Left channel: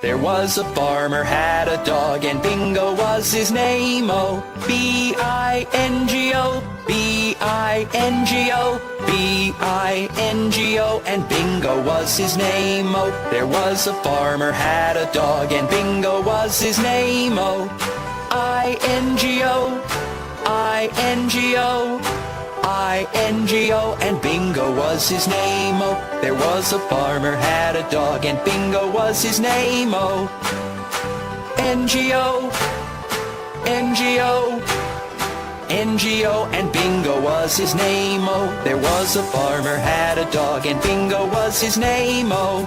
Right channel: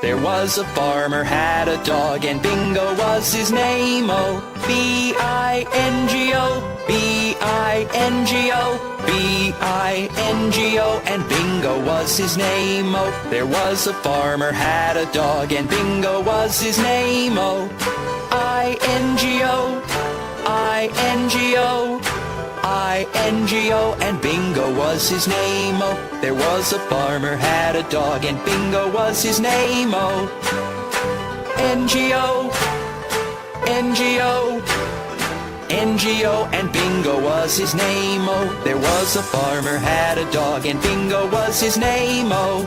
There was a farmer had a dog, and Bingo was his name. Oh, B-I-N-G-O, B-I-N-G-O, B-I-N-G-O, and Bingo was his name. Oh, there was a farmer had a dog, and Bingo was his name. Oh, I-N-G-O, I-N-G-O, I-N-G-O, and Bingo was his name. Oh, there was a farmer had a dog, and Bingo was his name. Oh, N-G-O, N-G-O, N-G-O, and Bingo was his name. Oh, there was a farmer had a dog, and Bingo was his name. Oh,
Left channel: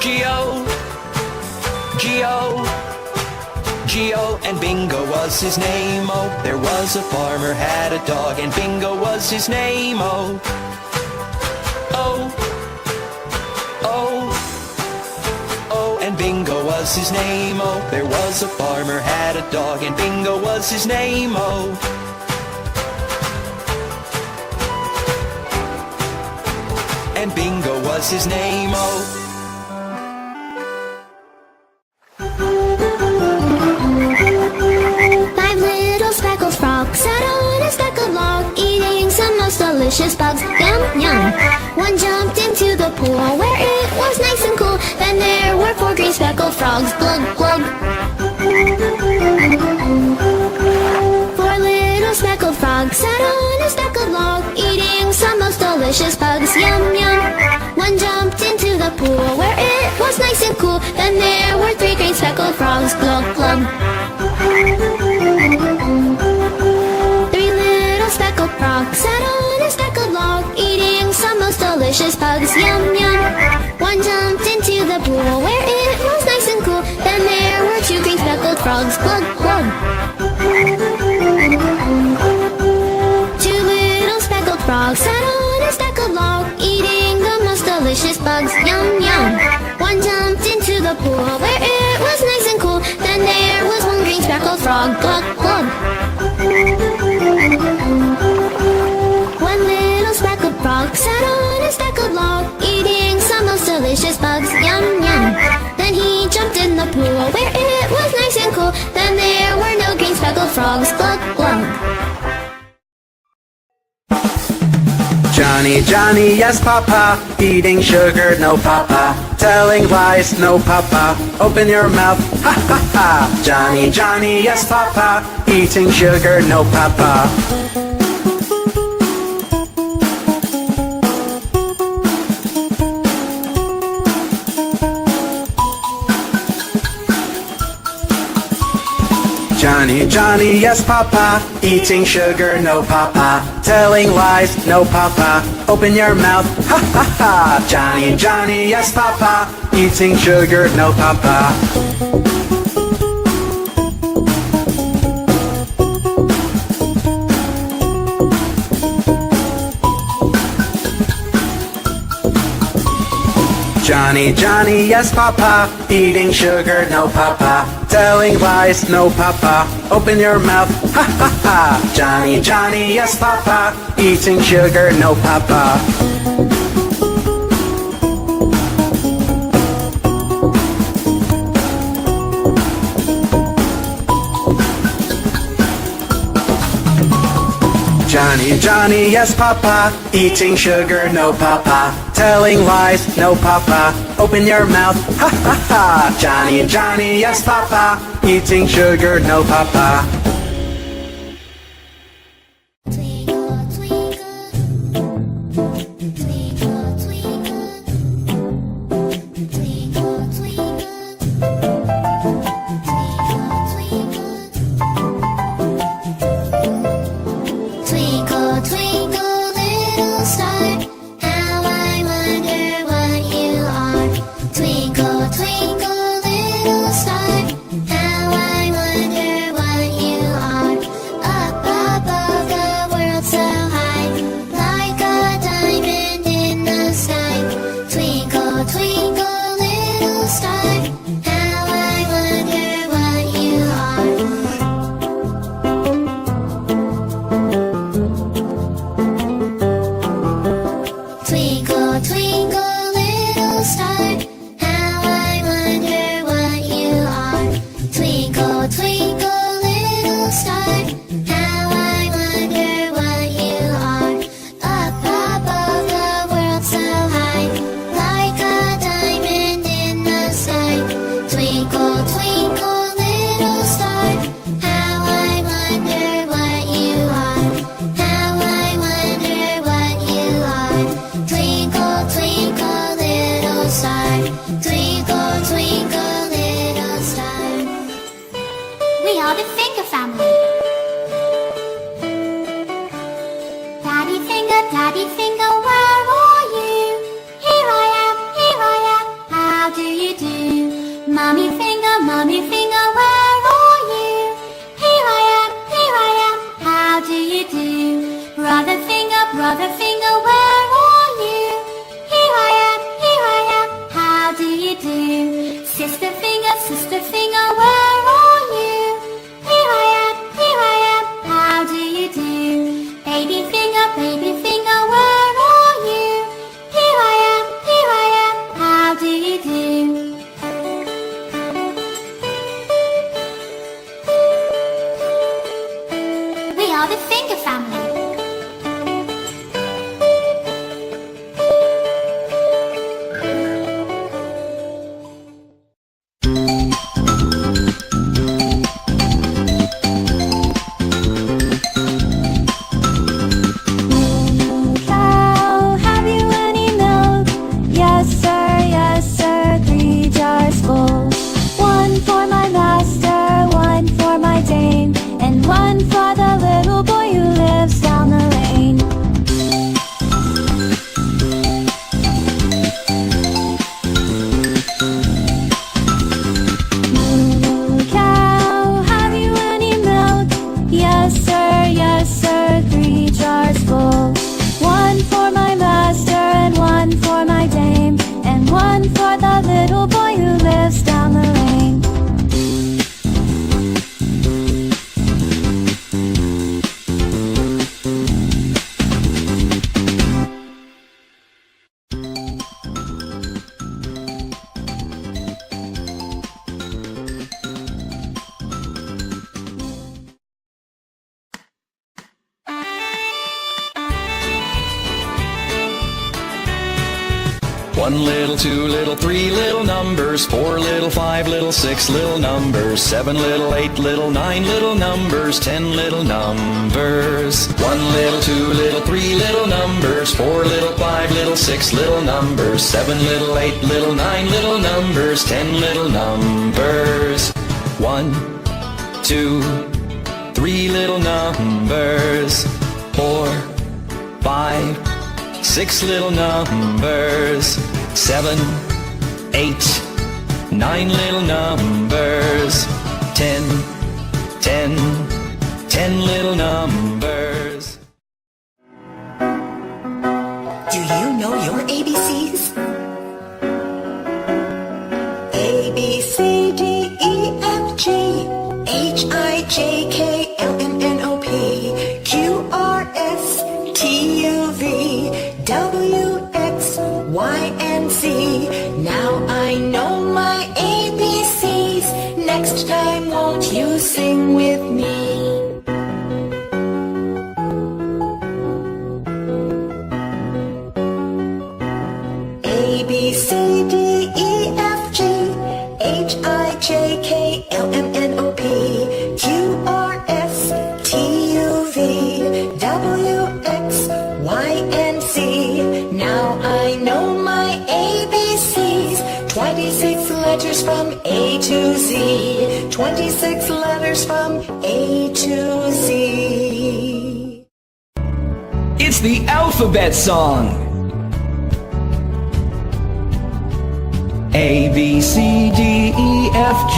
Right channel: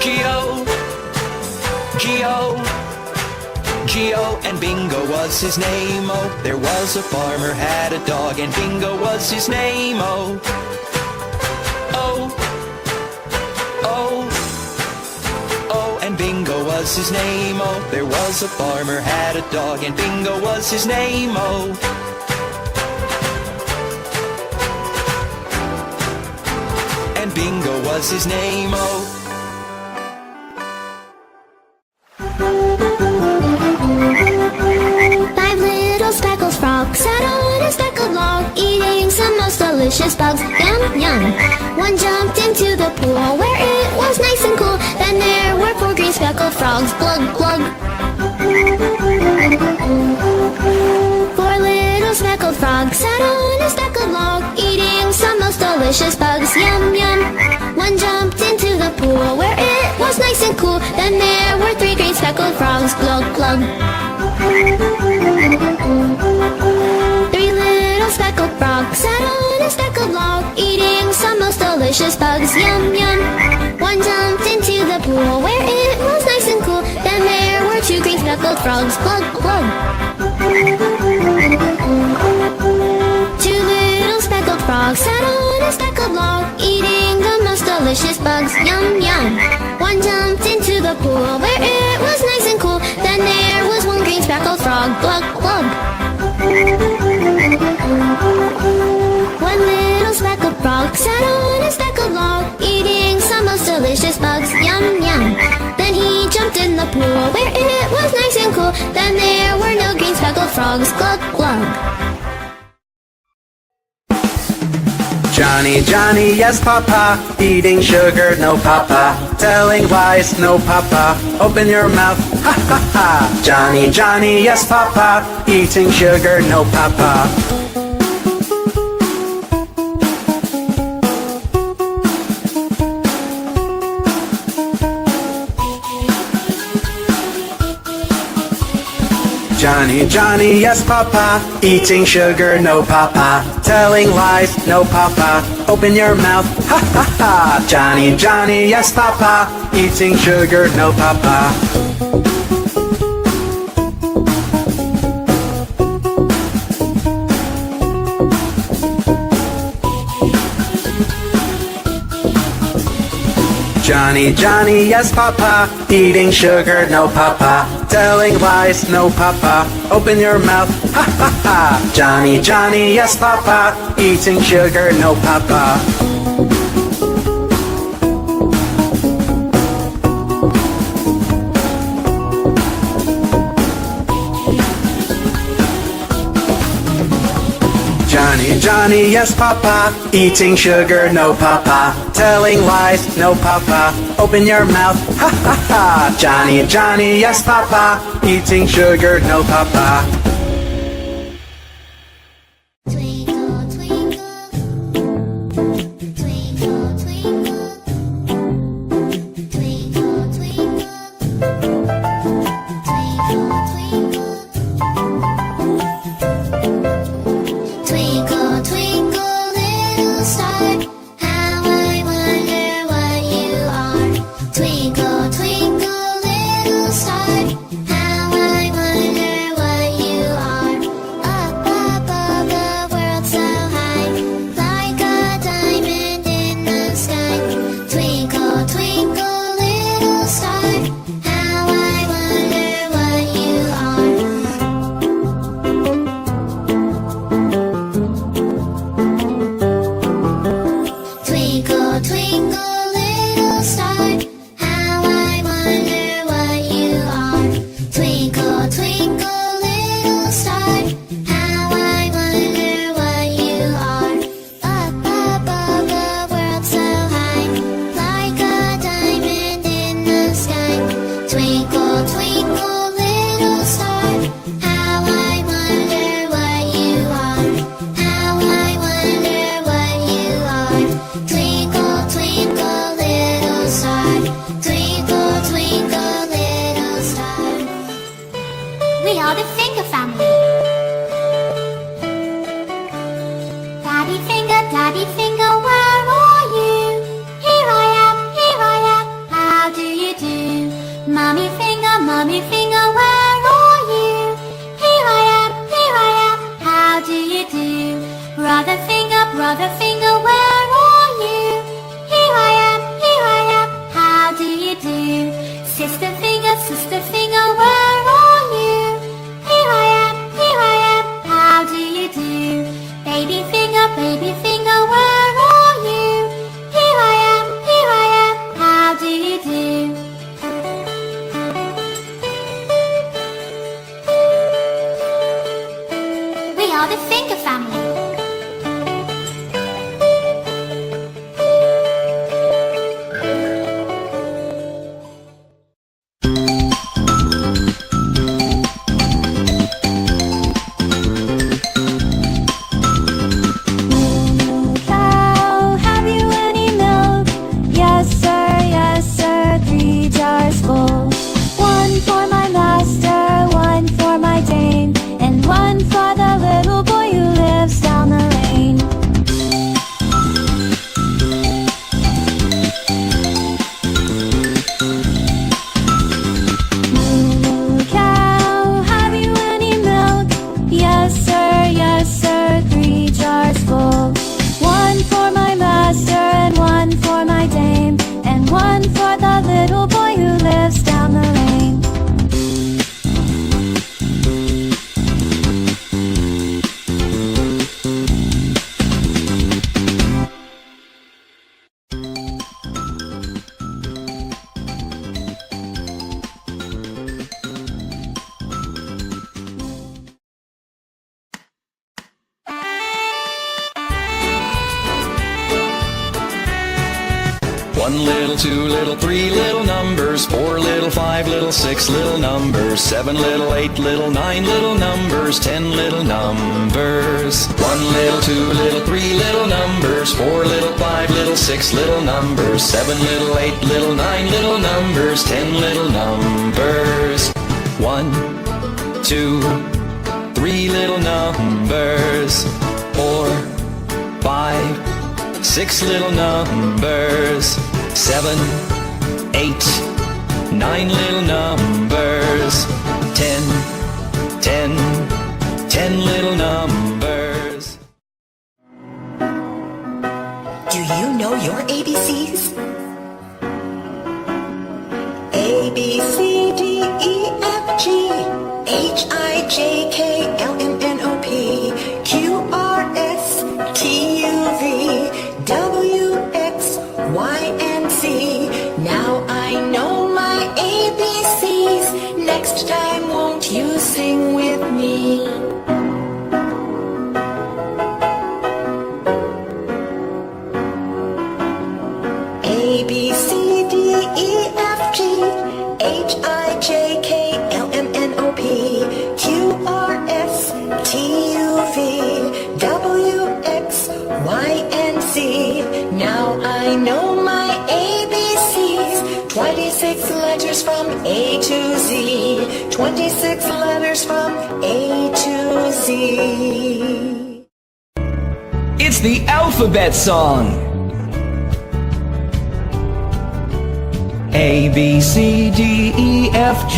G-O, G-O, G-O, and Bingo was his name. Oh, there was a farmer had a dog, and Bingo was his name. Oh, oh, oh, oh, and Bingo was his name. Oh, there was a farmer had a dog, and Bingo was his name. Oh, and Bingo was his name. Oh. Frogs sat on a speckled log, eating some most delicious bugs. Yum, yum. One jumped into the pool where it was nice and cool. Then there were 4 green speckled frogs. Glug, glug. 4 little speckled frogs sat on a speckled log, eating some most delicious bugs. Yum, yum. One jumped into the pool where it was nice and cool. Then there were 3 green speckled frogs. Glug, glug. 3 little speckled frogs sat on a speckled log, eating some most delicious bugs. Yum, yum. One jumped into the pool where it was nice and cool. Then there were 2 green speckled frogs. Glug, glug. 2 little speckled frogs sat on a speckled log, eating the most delicious bugs. Yum, yum. One jumped into the pool where it was nice and cool. Then there was 1 green speckled frog. Glug, glug. 1 little speckled frog sat on a speckled log, eating some most delicious bugs. Yum, yum. Then he jumped in the pool where it was nice and cool. Then there were no green speckled frogs. Glug, glug. Johnny, Johnny, yes papa, eating sugar, no papa, telling lies, no papa, open your mouth, ha ha ha. Johnny, Johnny, yes papa, eating sugar, no papa. Johnny, Johnny, yes papa, eating sugar, no papa, telling lies, no papa, open your mouth, ha ha ha. Johnny, Johnny, yes papa, eating sugar, no papa. Johnny, Johnny, yes papa, eating sugar, no papa, telling lies, no papa, open your mouth, ha ha ha. Johnny, Johnny, yes papa, eating sugar, no papa. Johnny, Johnny, yes papa, eating sugar, no papa, telling lies, no papa, open your mouth, ha ha ha. Johnny, Johnny, yes papa, eating sugar, no papa. Twinkle, twinkle, little star, how I you do? Mommy finger, where are you? Here I am, how do you do? Brother finger, where are you? Here I am, how do you do? Sister finger, where are you? Here I am, how do you do? Baby finger, where are you? Here I am, how do you do? We are the finger family. Cow, have you any milk? Yes sir, 3 jars full. 1 for my master, 1 for my dame, and 1 for the little boy who lives down the lane. Moo cow, have you any milk? Yes sir, 3 jars full. 1 for my master and 1 for my dame, and 1 for the little boy who lives down the lane. One little, 2 little, 3 little numbers, 4 little, 5 little, 6 little numbers, 7 little, 8 little, 9 little numbers, 10 little numbers. 1 little, 2 little, 3 little numbers, 4 little, 5 little, 6 little numbers, 7 little, 8 little, 9 little numbers, 10 little numbers. 1, 2, 3 little numbers, 4, 5, 6 little numbers, 7, 8, 9 little numbers, 10, 10 little numbers. Do you know your ABCs? A, B, C, D, E, F, G, H, I, J, K, L, M, N, O, P, Q, R, S, T, U, V, W, X, Y, and Z. Now I know my ABCs. Next time, won't you sing with me? A, B, C, D, E, F, G, H, I, J, K, L, M, N, O, P, Q, R, S, T, U, V, W, X, Y, and Z. Now I know my ABCs. 26 letters from A to Z. 26 letters from A to Z. It's the alphabet song. A, B, C, D, E, F, G,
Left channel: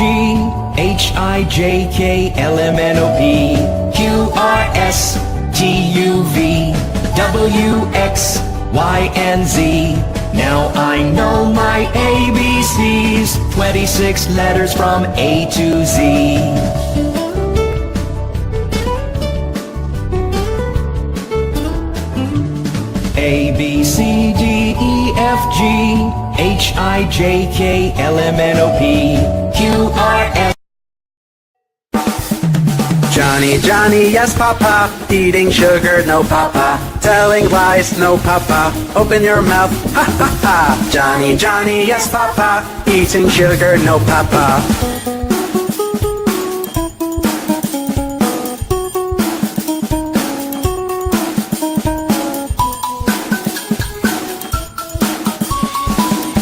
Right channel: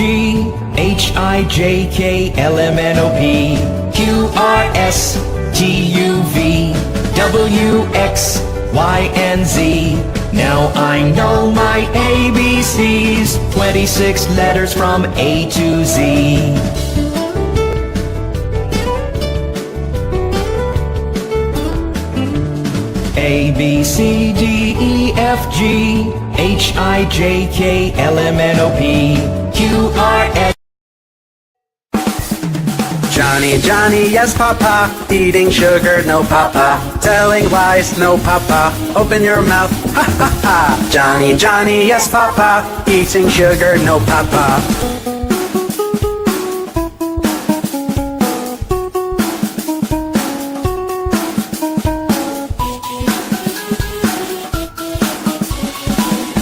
H, I, J, K, L, M, N, O, P, Q, R, S, T, U, V, W, X, Y, and Z. Now I know my ABCs. 26 letters from A to Z. A, B, C, D, E, F, G, H, I, J, K, L, M, N, O, P, Q, R, S. Johnny, Johnny, yes, Papa. Eating sugar, no, Papa. Telling lies, no, Papa. Open your mouth, ha, ha, ha. Johnny, Johnny, yes, Papa. Eating sugar, no, Papa.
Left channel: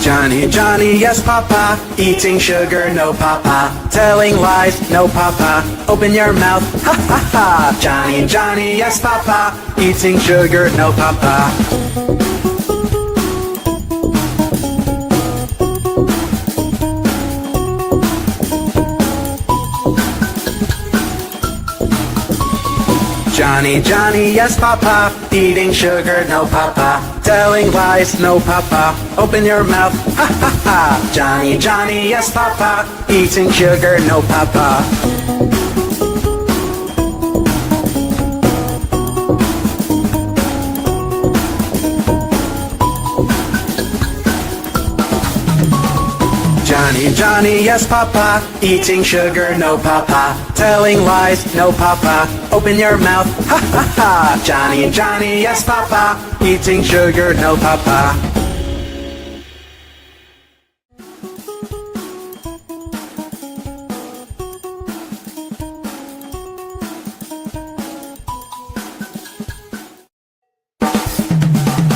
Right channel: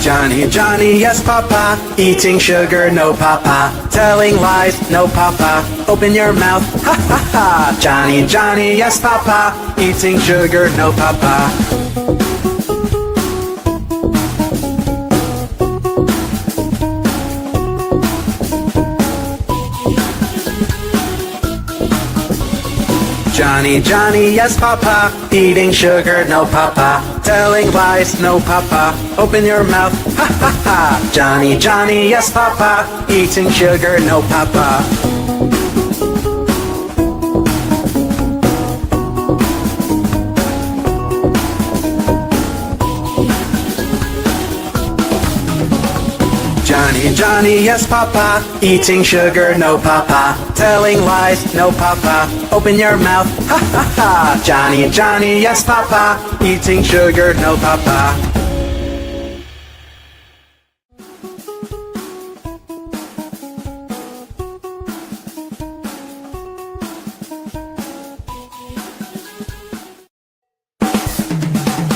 Johnny, Johnny, yes, Papa. Eating sugar, no, Papa. Telling lies, no, Papa. Open your mouth, ha, ha, ha. Johnny, Johnny, yes, Papa. Eating sugar, no, Papa. Johnny, Johnny, yes, Papa. Eating sugar, no, Papa. Telling lies, no, Papa. Open your mouth, ha, ha, ha. Johnny, Johnny, yes, Papa. Eating sugar, no, Papa. Johnny, Johnny, yes, Papa. Eating sugar, no, Papa. Telling lies, no, Papa. Open your mouth, ha, ha, ha. Johnny, Johnny, yes, Papa. Eating sugar, no, Papa.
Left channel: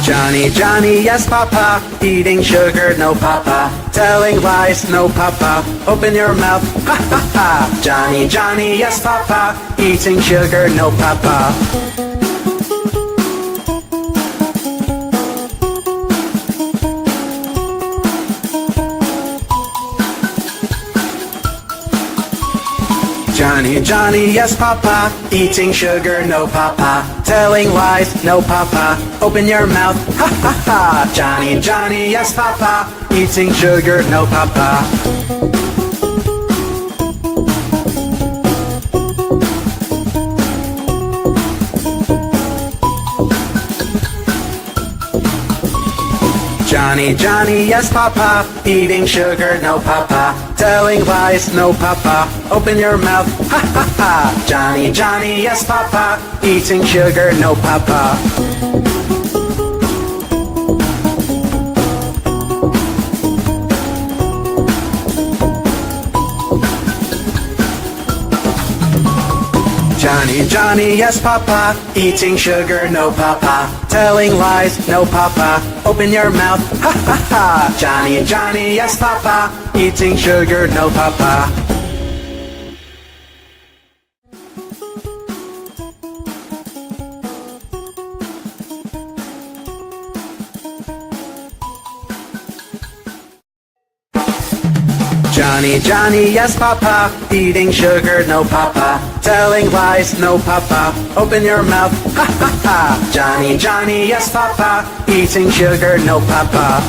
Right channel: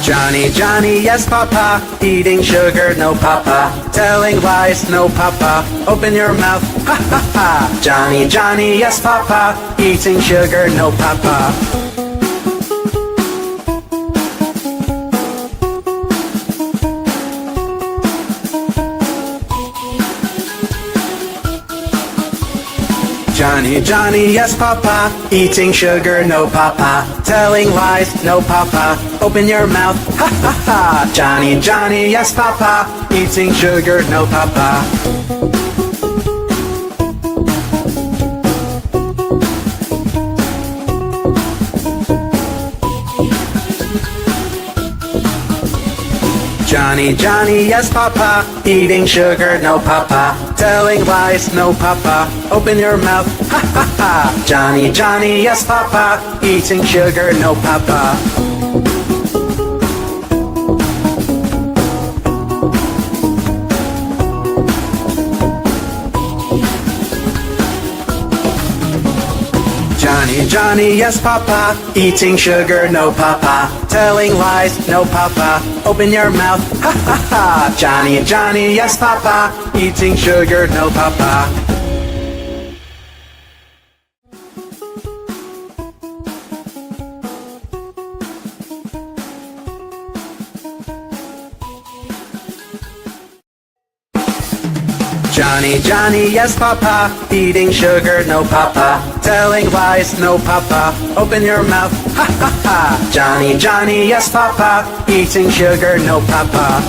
Johnny, Johnny, yes, Papa. Eating sugar, no, Papa. Telling lies, no, Papa. Open your mouth, ha, ha, ha. Johnny, Johnny, yes, Papa. Eating sugar, no, Papa. Johnny, Johnny, yes, Papa. Eating sugar, no, Papa. Telling lies, no, Papa. Open your mouth, ha, ha, ha. Johnny, Johnny, yes, Papa. Eating sugar, no, Papa. Johnny, Johnny, yes, Papa. Eating sugar, no, Papa. Telling lies, no, Papa. Open your mouth, ha, ha, ha. Johnny, Johnny, yes, Papa. Eating sugar, no, Papa. Johnny, Johnny, yes, Papa. Eating sugar, no, Papa. Telling lies, no, Papa. Open your mouth, ha, ha, ha. Johnny, Johnny, yes, Papa. Eating sugar, no, Papa. Johnny, Johnny, yes, Papa. Eating sugar, no, Papa. Telling lies, no, Papa. Open your mouth, ha, ha, ha. Johnny, Johnny, yes, Papa. Eating sugar, no, Papa.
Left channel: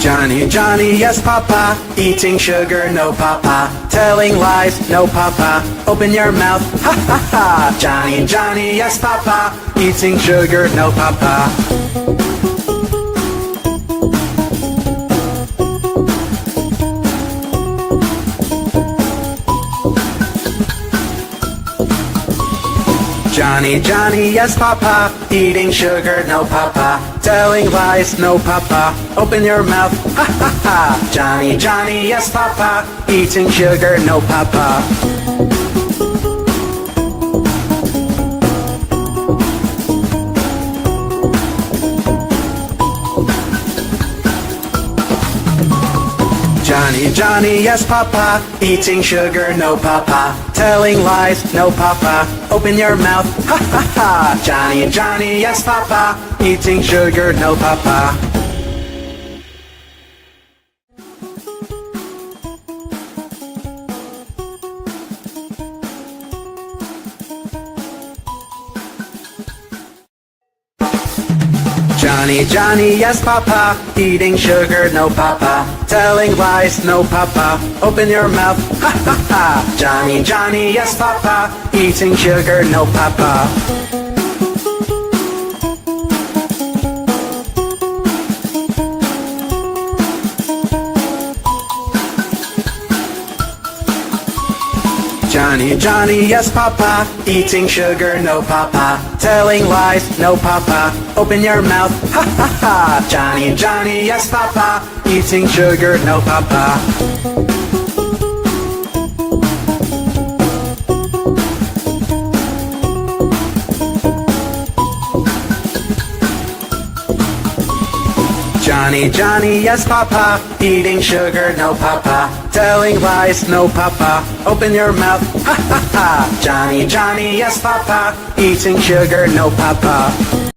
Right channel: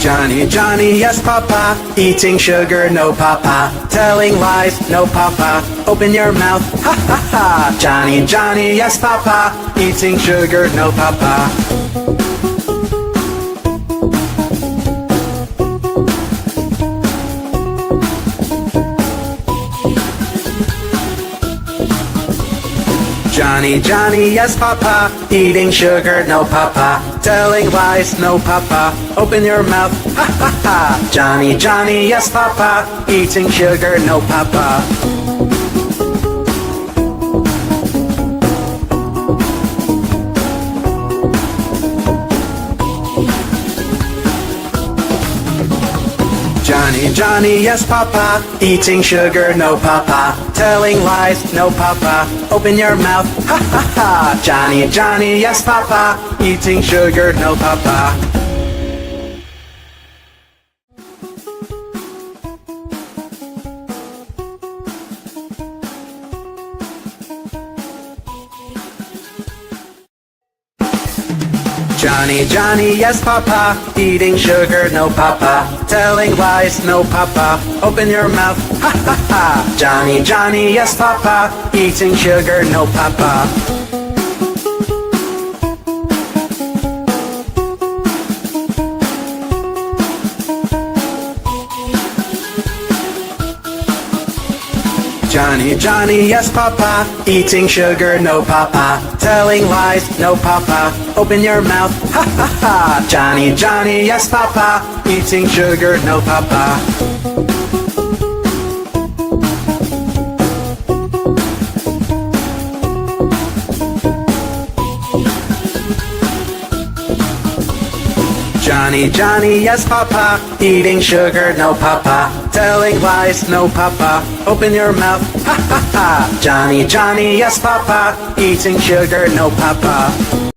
Johnny, Johnny, yes, Papa. Eating sugar, no, Papa. Telling lies, no, Papa. Open your mouth, ha, ha, ha. Johnny, Johnny, yes, Papa. Eating sugar, no, Papa. Johnny, Johnny, yes, Papa. Eating sugar, no, Papa. Telling lies, no, Papa. Open your mouth, ha, ha, ha. Johnny, Johnny, yes, Papa. Eating sugar, no, Papa. Johnny, Johnny, yes, Papa. Eating sugar, no, Papa. Telling lies, no, Papa. Open your mouth, ha, ha, ha. Johnny, Johnny, yes, Papa. Eating sugar, no, Papa. Johnny, Johnny, yes, Papa. Eating sugar, no, Papa. Telling lies, no, Papa. Open your mouth, ha, ha, ha. Johnny, Johnny, yes, Papa. Eating sugar, no, Papa. Johnny, Johnny, yes, Papa. Eating sugar, no, Papa. Telling lies, no, Papa. Open your mouth, ha, ha, ha. Johnny, Johnny, yes, Papa. Eating sugar, no, Papa. Johnny, Johnny, yes, Papa. Eating sugar, no, Papa. Telling lies, no, Papa. Open your mouth, ha, ha, ha. Johnny, Johnny, yes, Papa. Eating sugar, no, Papa.